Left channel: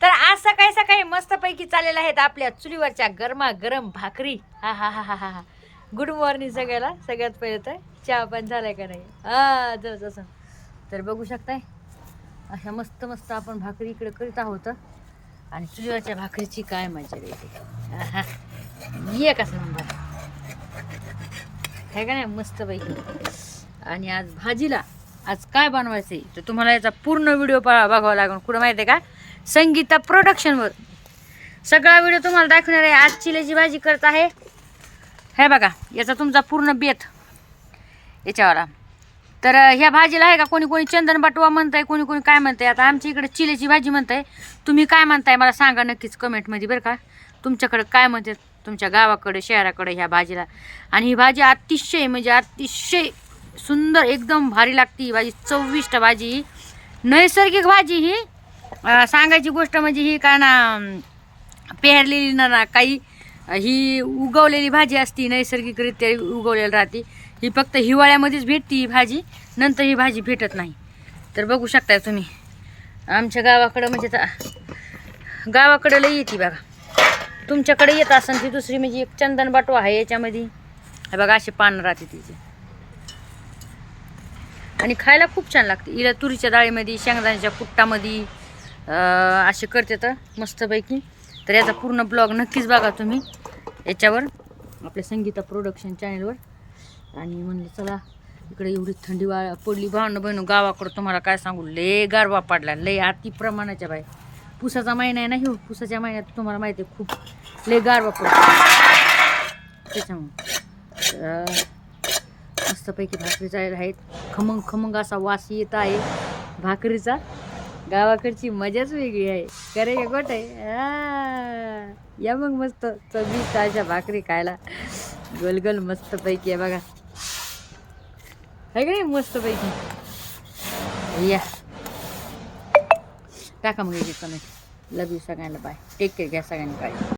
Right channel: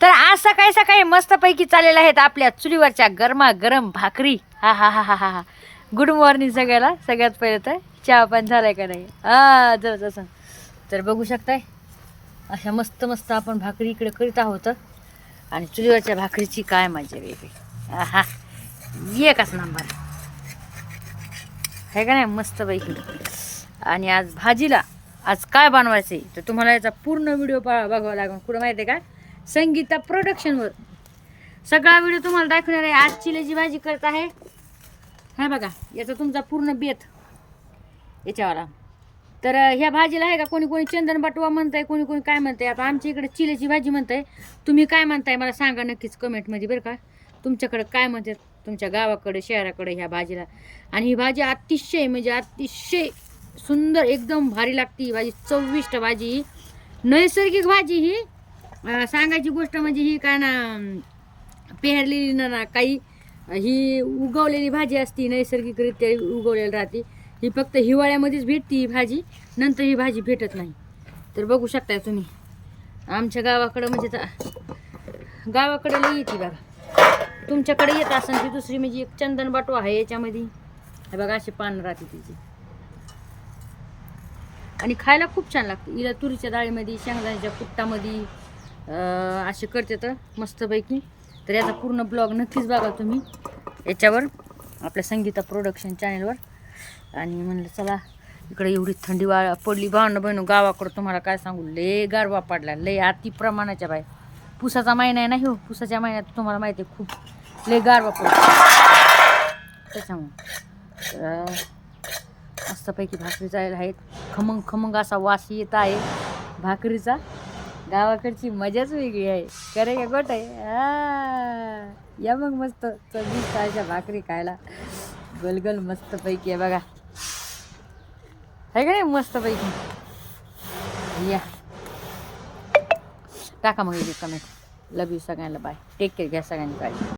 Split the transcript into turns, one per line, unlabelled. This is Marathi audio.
तर आज सकाळी सकाळी मस्तपैकी चाललेल्या आहेत आपल्या चुलीवरच्या गरमा गरम भाकरी. हा हा हा हा हा हा. गुड मॉर्निंग सगळ्याला. सगळ्यात पहिले तर चहा पण झालाय का नाही? हा जर जसं. तर बघू शकताय अशा मस्त मस्त आपण भाकरी इकडे करीत आहोत. आणि चुलीवरच्या भाकरीची काय मजा येते हा एकच नंबर आहे का नाही? मस्तपैकी. आणि आज भाजीला आज काय बनवायचं आहे तर तुम्हाला याचा पूर्ण व्हिडिओ पा बघावा लागेल. कुठं माहिती आहे का? संगीता प्रोडक्शनवर सगळा व्हिडिओ तुम्हाला दाखवणार आहे. आज चिलेची भाजी करत आहे. हे बघा याचा तुमचा पूर्ण बेत याच्यावाला. तर ह्या भाजीला आहे का? कोणी कोणी चंदन बाटवा म्हणताय कोणी कोणी काय म्हणताय? आता आमच्या इकडे चिलेची भाजी म्हणताय. तुम्ही काय म्हणताय? मला सांगा नक्कीच कमेंटमध्ये बरं का. तुमच्याकडे काय म्हणते? तुमच्या गावाकडे शहराकडे ह्या भाजीला. आणि ही भाजी अतिशय म्हणजे अतिशय सुंदर एकदम भारी लागते ही भाजी. चविष्ट भाजी ही. नैसर्गिक भाजी ही. सांगायची गोष्ट म्हणजे ही काय ना पेहरलेली ना ना काही ही उगवलेली भाजी असती नैसर्गिकरित्या उगवलेली राहते. ही फक्त हिवाळ्यामध्येच भेटते ही भाजी नंतर ही भाजी भेटत नाही. तर बघू शकताय तुम्ही. आमच्या गावाकडं म्हणजे गावाकडं लई येते बघा. तुमच्याकडे येत असेल ती दुसरी म्हणजे एक चंदन बाटू आहे याच्यामध्ये. बघा असे पानं राहते तिचे. आणि खायला खूप छान लागते. हिला तुरीच्या डाळीमध्ये शेंगदाण्याच्या कुट्टामध्ये असे करते तर मस्तपैकी. तर याचा पूर्ण ब्लॉग नक्कीच बघा तुम्ही. याच्यावर आपल्या संगीता प्रोडक्शन चॅनलवर आणि म्हणलं चला इकडे एवढी थंडी वा पडली. भावनं बहिणू गावाकडं तुम्हाला काय सांगू? लय गारवा पडला. लय अति प्रमाणाच्या बाय पुसाचा महिना आहे ना हो पुसाच्या महिन्यात तुम्हाला माहिती आहे खूप लय गारवा पडतो त्याच्यामुळं. मस्तपैकी भाकरी जायला आहेत. खमंग खमंग असा वास येत आहे भाकरीचा. गावाकडची मजाच वेगळी आहे. करे का गोट आहे? या मग मस्त. चवी अशा भाकरी खायला. गोलगोल मस्तपैकी आहे बघा. आहे का नाही मस्तपैकी? या. टाका मग एक कमेंट लव यू सगळ्यांना. बाय टेक केअर घ्या सगळ्यांनी काळजी.